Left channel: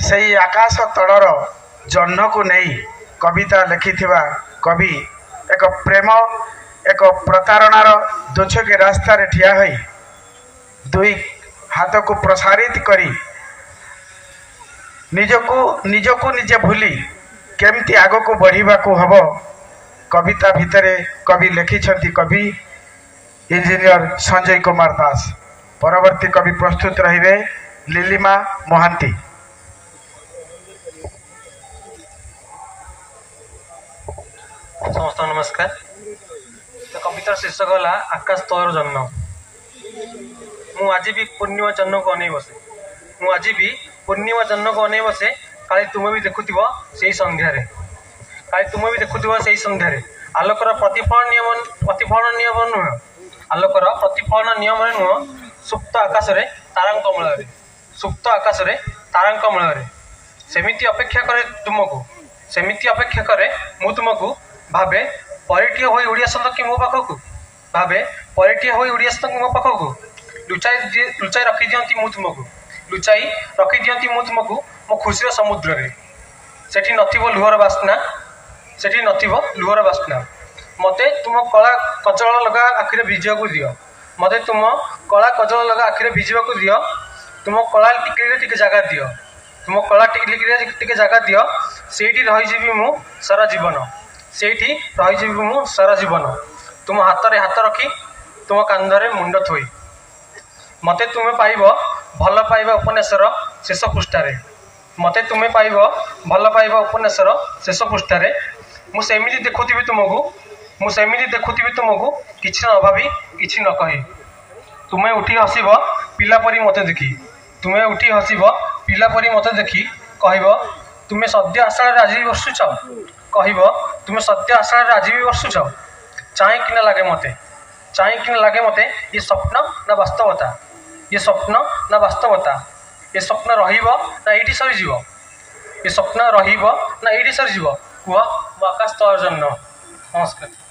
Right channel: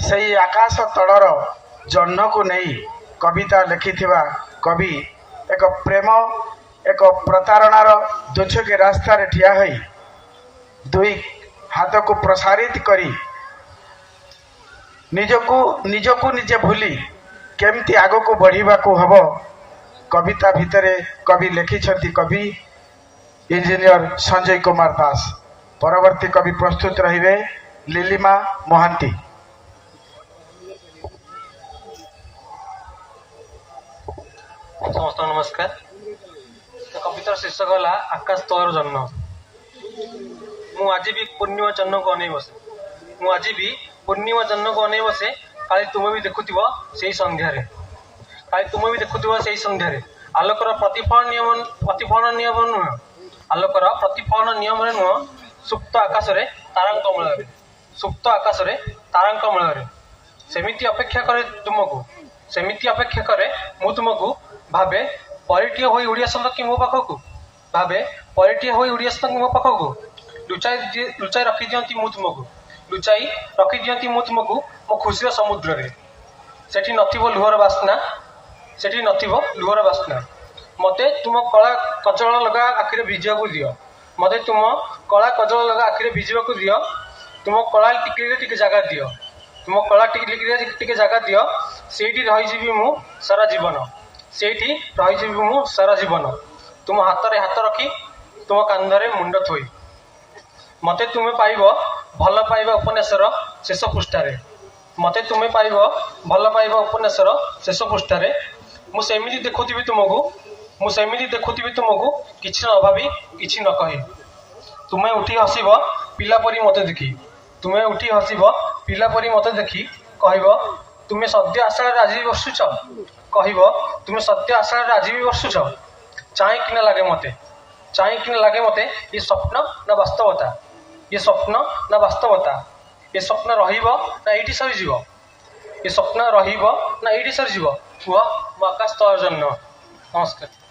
सेई आकाश तलर जह्न को नहीं कविता लिखिथिबा कवि एक प्रेम एक प्रतारणार दोछके रास्ता रे ठिया होई दुई हाथ को प्रसारित करी निजको निजे भूली केमती आग को बढ़िबा को हबो कविता भितरे कवि लिखिछंती कवि इंजीनियर संजय कुमार दास। परवर्ती कवि प्रस्तुत रहिबे लिलिमा मोहांती। समस्त नमस्कार। तो कवितार शीर्षक है आकाश तलर जन्म। मु आज भी पूर्णिमा जन्म को अनै बसे मु आज भी पूर्णिमा जन्म को अनै बसे काली तुम भी देखुथिबो सेही संध्यारे काली तुम भी देखुथिबो सेही संध्यारे आलोकर प्रतिफलन नियम नुह आलोकर प्रतिफलन नियम नुह सुप्त आकाश रे तारांक मलरे सुप्त आकाश रे तारांक मलरे सेमिति अपेक्षा करे तुमको सेमिति अपेक्षा करे मु तुमको भावे परिटीय होई उड़िया संतकी मो पाखकू भावे परिटीय होई उड़िया संतकी मो पाखकू लुचाई रखी दियंती मु तुमको लुचाई रखी दियंती मु तुमको मो खुशीर समुद्र रे सेठी नथिबो लुहर बास्ना सेठी नथिबो लुहर बास्ना मते तुम कला कजल लगा आखिरे भिजिया को दियो मते तुम कला कजल लगा आखिरे भिजिया को दियो तुम कला टिके टिके जगह दियो तुम कला टिके टिके जगह दियो सेठी रही जीवी मु सारा जीवन सेठी रही जीवी मु सारा जीवन तुम हाथ रे हाथ रखी तुम कांधरे मुंड थोई मते तुमे पाइबो भल पाइबा उपन्यासर शेष पृष्ठारे मते तुमे पाइबो भल पाइबा उपन्यासर शेष पृष्ठारे मु सेमिति देखुथिबि तुमको मु सेमिति देखुथिबि तुमको किछि न भाबी किछि न कहि तुमे उठी हसिबो पिला परी मते देखि तुमे उठी हसिबो पिला परी मते देखि कहबो तुमे सद्य आशा राजी बसुछ कहबो तुमे सत्य आशा राजी भी बसुछ चाहे कि लागे मते ये स्वप्न ना वास्तवता ये स्वप्न ना वास्तवता ये स्वप्न रहिबो ना एठी सरी जीवो ये स्वप्न रहिबो ना एठी सरी जीवो कुह आकाश तलर जन्म। नमस्कार।